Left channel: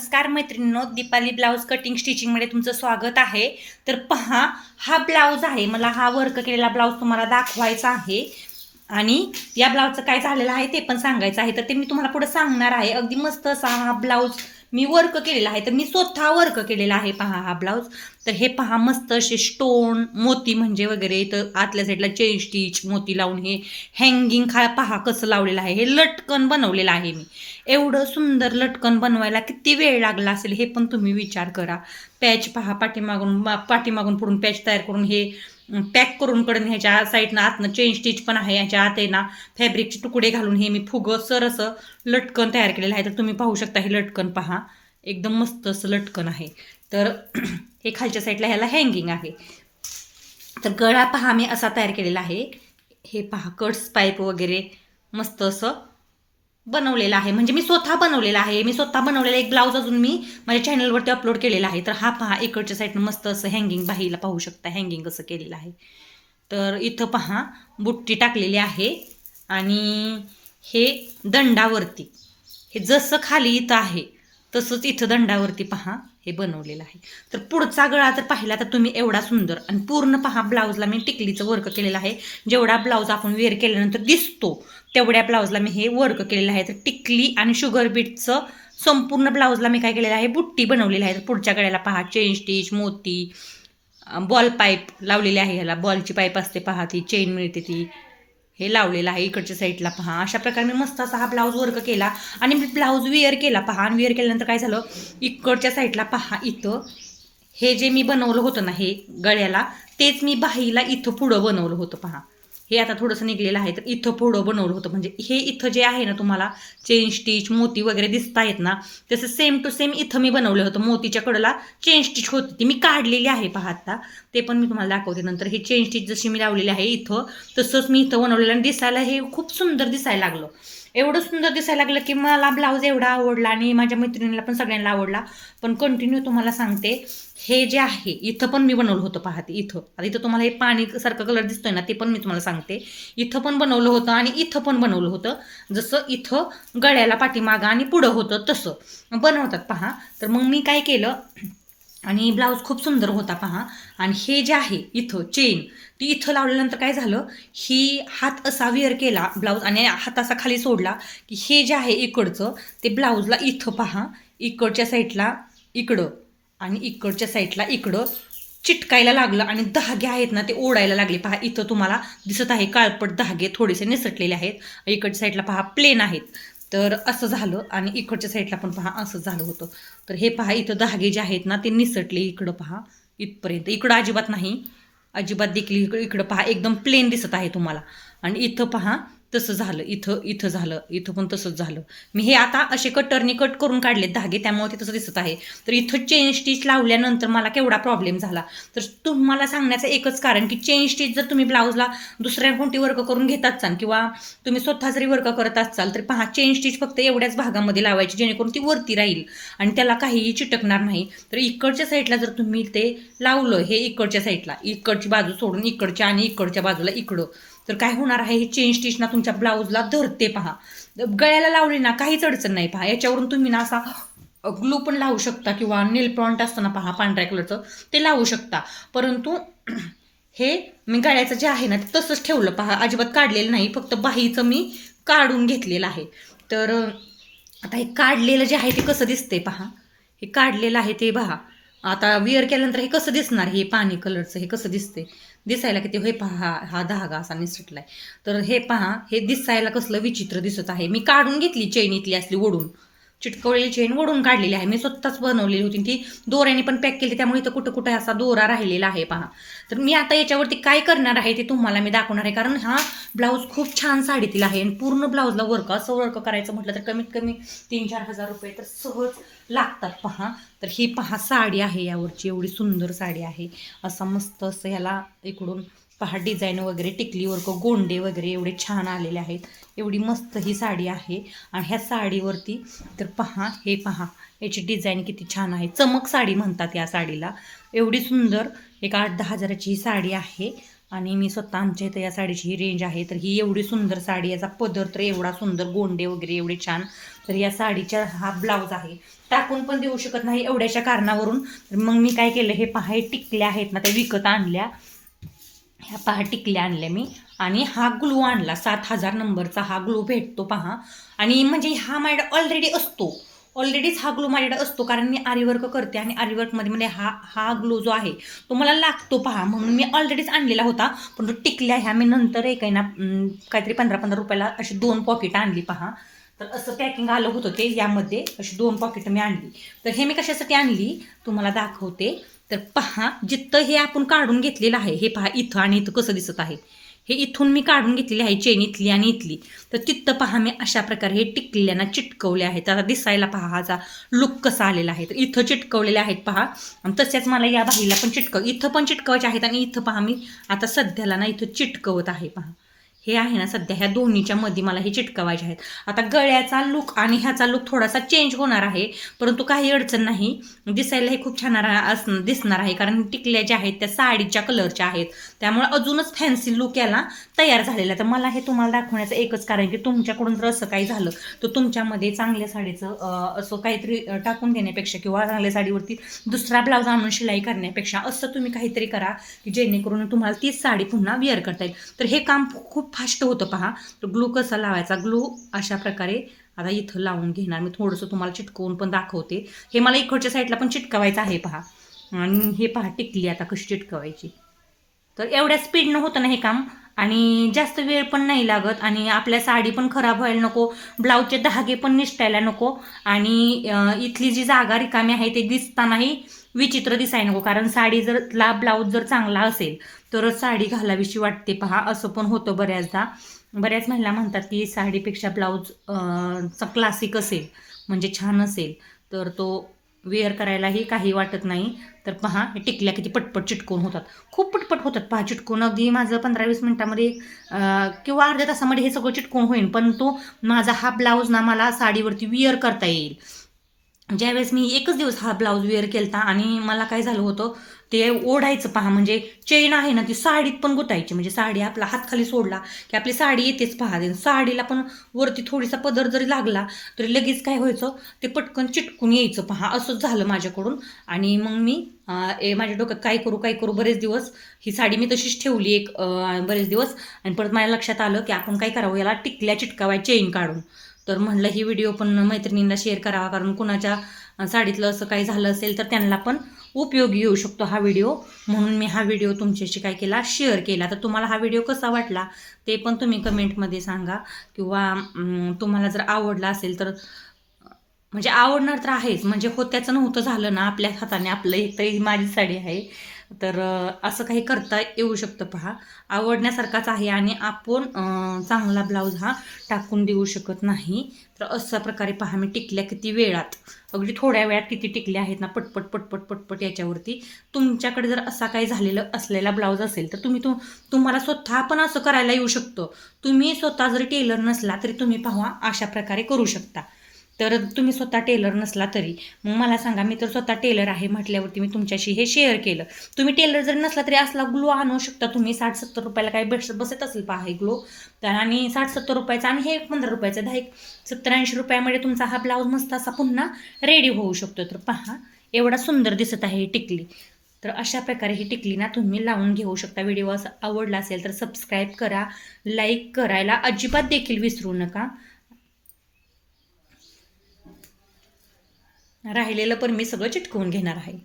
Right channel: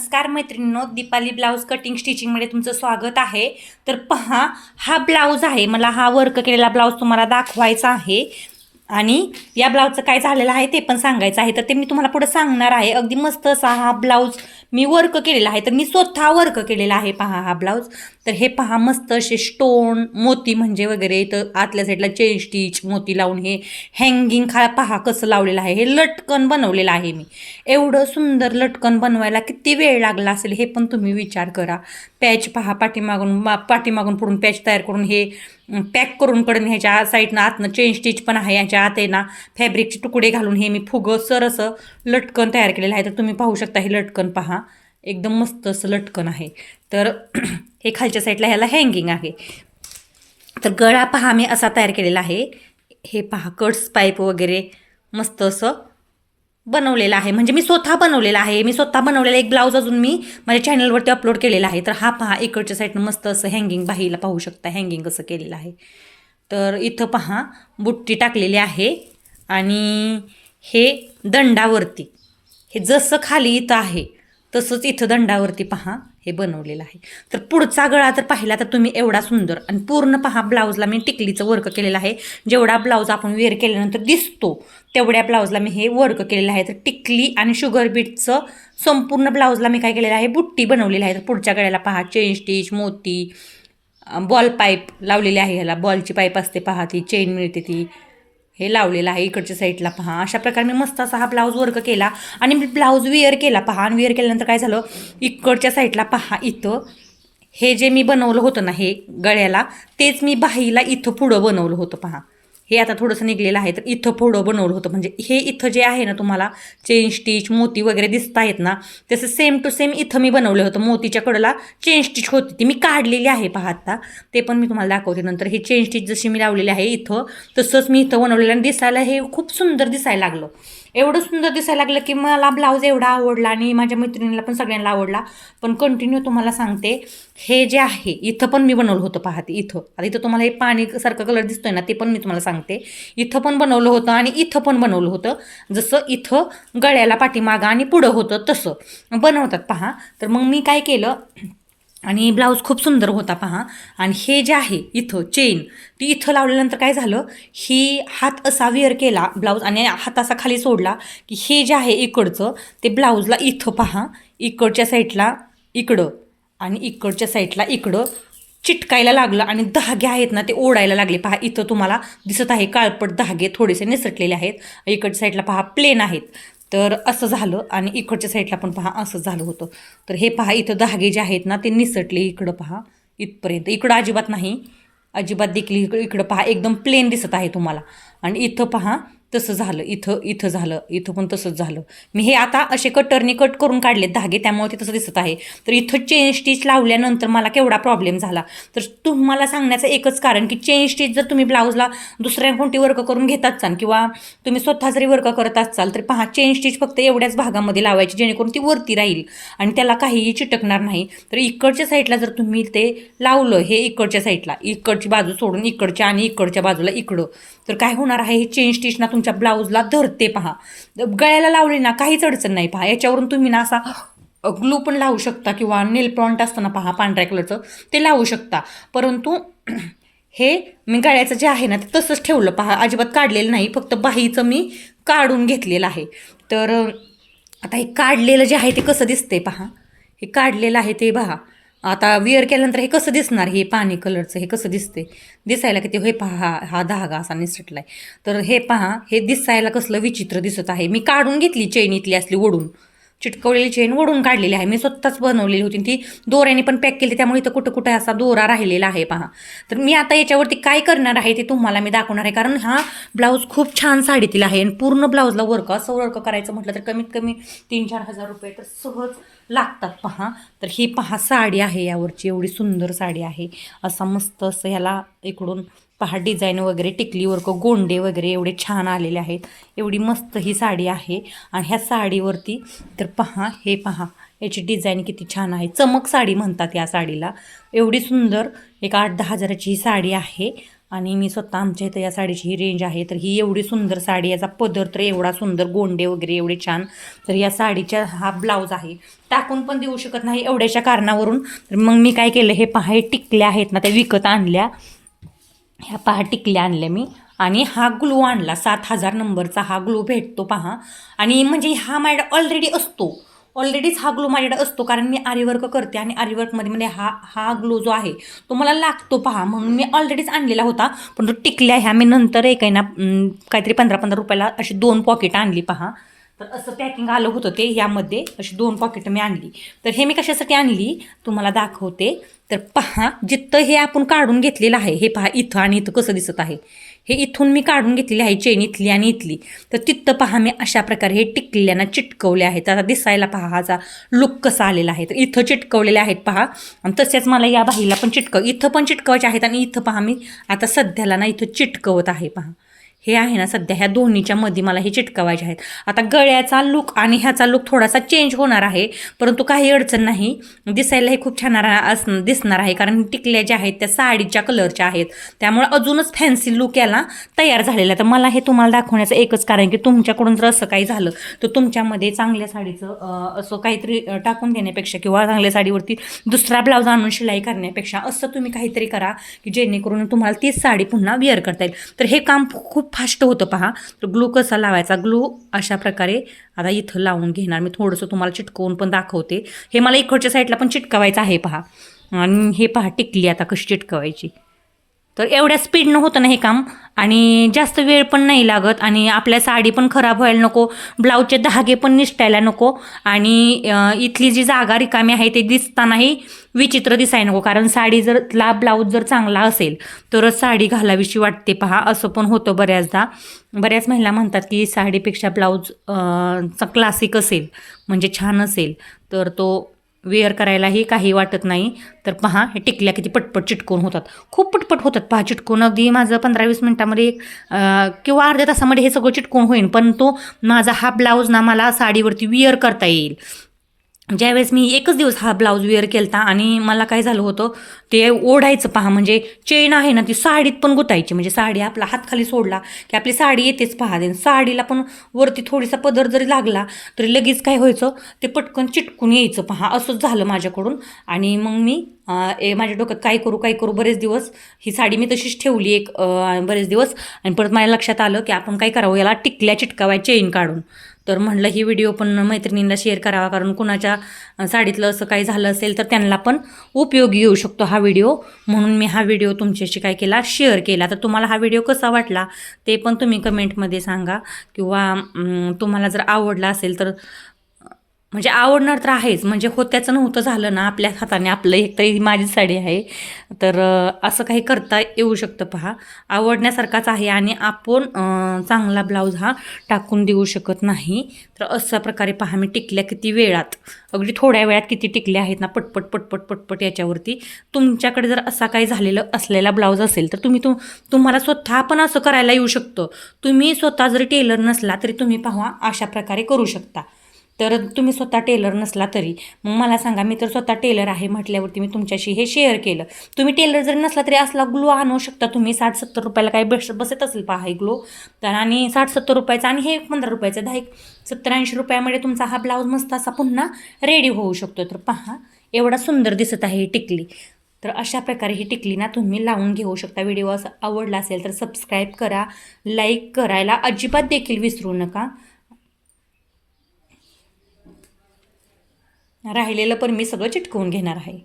नमस्कार मैत्रिणींनो, Deepali blouse cutting स्टिचिंगमध्ये तुमचं स्वागत आहे. तर पहा, हा ब्लाऊज आहे. मला हा वर्क केलेला ब्लाऊज तुम्हाला दाखवायचा आहे आणि या ब्लाऊजचं काय झालेलं आहे ते पण सांगायचं आहे. तर ते मी तुम्हाला पुढे सांगणार आहे. अगदी मस्त असा हा ब्लाऊज मी वर्क केलेला आहे. तर मी स्वतः वर्क केलेला आहे. पहा हा ब्लाऊज. तर हे पहा, मस्त असे स्टोन मोती म्हणजे वगैरे, तर आतल्या साईडला चेन स्टिच मोती लावून हे हँगिंग पहा कसं लावलेलं आहे. हे लटकन बनवलेलं आहे मी. एवढं सुंदर लटकन बनवायला किती वेळ लागला असेल हे पण तुम्ही विचार करा. पॅच पहा, पाठीमागून पुढून पॅच तयार करून हे पॅक करून कडून ह्याच्या साईडनं आतनं चेन स्टिच पण आहे. याच्या आत आहे ना फॅब्रिकचे तुकडे घालून हे मी फुगं सर असं लटकन तयार केलेलं आहे. तर तुम्ही पाहू शकता हे लटकन पहा, एकदम मस्त असं लटकन आहे. तर हे खालच्या साईडला ह्याला हँगिंग आहे. तर गळा पहा मी असा तयार केलेला आहे. हे पहा कट्स पाईप वगैरे मस्त असं बनवलेला आहे. म्हणजे मी स्वतः बनवलेला आहे. मी स्वतः बनवलेला एक ब्लाऊज अजून मी माझ्या चॅनलवरती अपलोड केलेला आहे. तर हा पहा, इकडच्या साईडनं मस्त असं हँगिंग बाहीला पाहू शकता हँगिंग कसं केलेलं आहे. तर इथं पहा बुट्टी टाकलेली आहे आणि हे दंडावरती, हे जसं खाली इथं आहे तसंच इथं दंडावरती पहा हे बनवलेलं आहे. तर पुढचा गळा जर पाहिला तर तुम्ही एवढा सुंदर आणि पूर्ण पहा ब्लाऊजला मी टिकलीचं वर्क केलेलं आहे. जेवढा ब्लाऊज आपण वेअर केल्यानंतर दिसतो तेवढ्या ब्लाऊजला मी हे वर्क केलेलं आहे. तर टिकली आणि शुगर बीटचं संपूर्ण ब्लाऊजला मी काय केलेलं आहे, बुट्टी बनवलेली आहे. तर पुढच्या गळ्याला पहा चेन स्टिच मोती, बॉल पाईप लावलेली आहे. ह्याला बॉलची पाईप असते पहा, ती चेन मिळते ती, हे लावलेलं आहे. इकडच्या साईडला पहा अशा प्रकारे मी मस्त असा हा ब्लाऊज वर्क केला आणि मी ब्लाऊज वेअर केला पहा. आणि वेअर केल्यानंतर काय झालं, इकडच्या साईडला पहा इथं हे जे मी बनवलं होतं ना हे गळ्याला, तेच मी बाहीला इथं पुढं बनवलं होतं पहा. हे आता थोडंसं निघलेलं आहे. तर इथं पुढं बनवलं होतं. म्हणजे हे इथं जे आहे ना तुम्हाला चेन स्टिच मोती वगैरे दिसत आहेत ना, तसं सेम टू सेम इथं मी बनवलं होतं. मोतीच्या कडला चेन स्टिच होती, ती मी काढलेली आहे पहा आता. ते पण मी तुम्हाला दाखवते नंतर. हे चेन स्टिच जशी मी लावलेली आहे इथं, तसंच मी इथं बनवलेलं आणि दिसायला हे खूप सुंदर दिसायला लागलं. एवढं सुंदर दिसायला लागलं की मला ब्लाऊज एवढा आवडला आणि माझ्या मैत्रिणीला पण सगळ्यांना आवडला. पण कंटिन्यू तुम्हाला सांगते, हे जे आहे इथं पण मी बनवलं होतं पहा. ते इथं आता इथं तुम्हाला हे पाणीसारखं कलर दिसतोय ना, ते पण मी तुम्हाला सांगते. इथं पण बनवलं होतं आणि इथं पण बनवलं होतं. जसं इथं गळ्याला पाठीमागं आणि पुढं होतं तसं बनवतात पहा. तर मग मी काय केलं, आणि ब्लाऊज खूप सुंदर होता पहा. आणि हे जे आहे इथं चेन ती इथं लावल्यानंतर काय झालं, ही हात असा वेअर केला ब्लाऊज आणि हात असा खाली सोडला की हे जे आहे इकडचं ते ब्लाऊजला इथं पहा, इकडच्या साईडला इकडं आणि इकडच्या साईडला इकडं चिटकायला लागलं आणि धागे आहेत ना ते ओढायला लागले पहा. इथं तुम्हाला दिसत आहे काळपट धागे थोडेसे निसटलेले आहेत. इकडच्या साईडला पहा प्लेन आहेत. तर असं झालं आणि इकडच्या साईडला पण पहा असं झालं होतं. तर हे पहा इथं धागे जे आहेत ना ते निसटले इकडं पहा इथपर्यंत. इकडं अजिबात नाही, अजिबात देखील इकडं पहा एकदम प्लेन दिसत आहे तुम्हाला. आणि इथं पहा तसं झालं, इथं झालं, इथं पण तसंच झालं. मी हे आता असे कटरने कट करून काढलेत धागे, त्यामुळे ते तसं दिसत आहे. तर इथं चेन स्टिच लावल्यानंतर मला केवढा प्रॉब्लेम झाला. तर तुम्हाला सांगण्याचं एकच कारण की चेन स्टिच जर तुम्ही ब्लाऊजला दुसऱ्या कोणती वर्क करून घेत असाल किंवा तुम्ही स्वतः जरी वर्क करत असाल तर पहा चेन स्टिच फक्त एवढ्याच भागामध्ये लावायची जेणेकरून ती वरती राहील आणि त्याला काहीही चिटकणार नाही. तर इकडच्या साईडला जर तुम्ही ते लावलं, हे इकडच्या साईडला इकडची बाजू सोडून इकडच्या आणि इकडच्या बाजूला इकडं, तर काय होणार आहे, हे चेन स्टिच ना तुमच्या ब्लाऊजला धरते पहा. गळ्याला लावली ना काहीच अडचण नाही पहा. याच्यावरून तुम्ही ना असा ग्लू पण लावू शकता किंवा नेल पॉइंट असतं ना पहा पांढऱ्या कलरचं, ते लावू शकता. परंतु हे मी गळ्याचं जे आहे ना ते तसंच ठेवलं पहा, अजिबात काढलेलं नाही. फक्त बाहीचं मी काढून घेतलेलं आहे. तर आता हे काढलेलं जे आहे ते कसं दिसतंय पहा. हे काढलेलं आहे ते पहा. आता वेअर केल्यानंतर हे कसं दिसणार, हे पाणी कलरचं हे कसं दिसते दिसायला किती. हे पहा हा धागा असा निसटलाय. तर हे पहा हे दिसायला कसलं विचित्र दिसत आहे. मी काढून घेतली चेन इथली असली ओढून, चिटकवलेली चेन ओढून काढलेली आहे. मी स्वतःच बनवलेली होती, ती दोऱ्याने पण पॅक केली, त्यामुळे इथं कुठं कुठं असा दोरा राहिलेला आहे पहा. तर मी आता याच्यावरती काय करणार आहे ते तुम्हाला मी दाखवणार आहे. कारण हा ब्लाऊज खूप छान साडीतील आहे आणि पूर्ण ब्लाऊजला वर्क असं वर्क करायचं म्हटलं तर कमीत कमी 3-4 हजार रुपये तर सहज लागतात पहा. तर ही पहा साडी आहे यावरची, एवढी सुंदर साडी आहे. असा मस्त असं ह्याला इकडून पहा डिझाईन वगैरे टिकली वर्क गोंडे वगैरे एवढे छान आलेले आहेत. एवढी मस्त ही साडी आहे. आणि ह्या साडीवरती तर पहा हे पहा याची डिझाईन किती छान आहे. चमक साडी म्हणतात या साडीला. एवढी सुंदर एक 8-10 हजाराची ही साडी आहे. आणि मी स्वतः आमच्या इथं या साडीची ही रेंज आहे. तर ही एवढी सुंदर साडी, याचा पदर तर एवढा सुंदर, गोंडे वगैरे एवढे छान. तर या साडीच्या हा ब्लाऊज आहे, टाकून पण देऊ शकत नाही एवढ्याच्या कारणावरून. तर मग मी काय केलं, हे पहा हे टिकल्या आहेत ना, त्या विकत आणल्या. ह्या पहा टिकल्या आणल्या मी. आणि हा ग्लू आणला, 7000 नंबरचा हा ग्लू भेटतो पहा. आणि म्हणजे हा माझ्याकडे ऑलरेडी असतो, ऑलरेडीच हा ग्लू माझ्याकडे असतो, कारण मी आरीवर्क करते आणि आरीवर्कमध्ये म्हणजे हा हा ग्लू जो आहे तो मला लागतो पहा, म्हणून मी ऑलरेडीच आणलेला होता. पण तो टिकल्या ह्या मी नंतर एक आहे ना काहीतरी 15-15 रुपयाला अशी 2 पॉकेट आणली पहा. तर असं पॅकिंग आलं होतं ते, यामध्ये अशी 2 पॉकेटं मी आणली. तर हे मी कशासाठी आणली तुम्हाला दाखवते. तर पहा, जिथं हे आपण काढून घेतलेलं आहे, हे पहा इथं आणि इथं कसं दिसत आहे, हे इथून मी काढून घेतलेली आहे चेन इथली आणि इथली. तर तिथं पहा मी अशा प्रकारे हे टिकल्यानं चिटकवले आहेत. आता दिसायला पहा हाचा लुक कसा आलेला आहे. तर इथं चिटकवलेले आहेत पहा. आणि तसेच मला या बाहीला पण इथं पण चिटकवायचे आहेत. आणि इथं पहा मी आता सध्याला ना इथं चिटकवत आहे पहा. हे आहे ना सध्या ह्या दोन्हीच्या मध्ये मला हे चिटकवायचे आहेत. आता गळ्याचा लुक आणि ह्याचा लुक थोडासा चेंज होणार आहे, परंतु काही अडचण नाही. दिसायला हे खूप छान दिसणार आहे, कारण टिकल्या ज्या आहेत त्या साडीच्या कलरच्या आहेत, त्यामुळे अजूनच फॅन्सी लुक याला तयार झालेला आहे. तर मला हे तुम्हाला दाखवण्याचं एकच कारण की तुमच्याकडून जर असं काही झालं तर तुमच्यामध्ये चांगल्या साडीचं असं काहीतरी टाकून देण्यापेक्षा किंवा चांगल्या साडीवरती दुसरा ब्लाऊज आणून शिलाई करण्यापेक्षा असं तुम्ही काहीतरी करा की जेणेकरून तुम्हाला तीच साडी पुन्हा वेअर करता येईल. तर हे काम खूप फास्ट होतं पहा. तर ग्लू कसा लावायचा, ग्लू अशा प्रकारे आता इथं लावून घेणार मी. थोडंसं तुम्हाला चिटकवून पण दाखवते. हे मला इकडच्या साईडला पण चिटकवायचं आहे पहा. आणि हे पहा टिकली आता कशी चिटकवायची. तर एवढ्या स्पीडनं होतं ना हे काम, आणि जास्त वेळ पण नाही लागत, आणि आपल्या साडी पण खराब व्हायला नको, ब्लाऊजचे धागे पण निसटायला नको, आणि इथली जी जागा रिकामी आहे ते दिसतानाही विचित्र दिसायला नको. कारण साडी जर ब्लाऊज जर चांगला असेल तरच साडी घालावीशी वाटते पहा. असं पण होतं बऱ्याचदा. बऱ्याच महिला म्हणतात की साडीपेक्षा ब्लाऊज क्लासिक असेल म्हणजे छान असेल तर तो वेअर करायलाही काही वाटत नाही. तर पहा हे टिकल्या किती पटपट चिटकून होतात, खूप पटपट होतात पहा चिटकून. अगदी माझं 15-20 मिनटामध्ये किंवा अर्ध्या तासामध्ये हे सगळं चिटकून होईल. पण तो माझा हा ब्लाऊज ना मला साडीवरती वेअर करता येईल. ज्यावेळेस मी एकच दिवस हा ब्लाऊज वेअर केला आणि मला काय झालं होतं ते ओढायचं पहा, म्हणजे चेन आहे ना ती साडीत पण गुतायची. म्हणजे साडी आपला हात खाली सोडला की आपली साडी येतेच पहा. साडीला पण वरती थोडीसा पदर जरी लागला तरी लगेच काय व्हायचं ते पटकन चिटकून यायचं पहा. असंच झालं माझ्याकडून. आणि मग मी माझ्या डोक्यात काय करू बरेच दिवस ही साडी मी तशीच ठेवली बरेच दिवस. आणि परत माझ्या लक्षात आलं की आपण काय करावं, याला टिकल्या चिटकावाय चेन काढून. तर म्हणलं ही व्हिडिओ पण मैत्रिणींना शेअर करावा, कारण कुणाच्या साडीतलं असं काही झालं असेल तर त्यांना पण उपयोगी येऊ शकतो हा व्हिडिओ. म्हणून मी हा व्हिडिओ तुमच्याशी काय केला, शेअर केला. तर तुम्हाला हा व्हिडिओ कसा वाटला ते पण तुम्ही कमेंटमध्ये सांगा, किंवा तुम्हाला जर आवडला असेल तर म्हणजे आवडणार तर आहेच, म्हणजे होत्याचं नव्हतं झालं ना आपल्या हाताने. आपलं एक तरी माझी साडी आहे, तर असं काही करता येऊ शकतं पहा. आवडण्यासारखाच आहे, आणि आपण चांगला ब्लाऊज हा टाकून देऊ शकत नाही. तर अशा प्रकारे पहा मी टिकल्या किती वेळात, अगदी थोड्या वेळात किती टिकल्या आहेत ना, पटपट पटपट पटपट याच्यावरती. तुमच्याकडे जर असा काही झालेलं असलेला ब्लाऊज असेल तर तुम्हाला स्वतः पण असं करायला येऊ शकतं. तुम्ही स्वतः जरी टेलर नसला तरी तुम्ही पहा अशा प्रकारे करू शकता. तर तुम्ही स्वतः टेलर नसला तरी मग मला सांगा, मी तर स्वतः टेलर आहे म्हटल्यावरती मी तुमच्याशी हे शेअर केलं. तुम्ही टेलर जरी नसला तरी असला ग्लो आणू शकता तुम्ही. 60-70 रुपयाला काही बसत असेल पहा हे ग्लो. तर आणि 60-70 रुपयाचा, आणि हे 15 रुपयाचा, 70-80 रुपयामध्ये तुमचा हा ब्लाऊज मस्त असा पुन्हा रेडी होऊ शकतो. तर पहा एवढा सुंदर दिसत आहे ही टिकली. तर अशा प्रकारे ही टिकली ना तुम्ही लावून घेऊ शकता. व्हिडिओ असा आवडला असेल तर सबस्क्राईब करा, लाईक करायला अजिबात देखील विसरू नका. राहिलेलं पण मी सगळं चिटकवून घेणार आहे.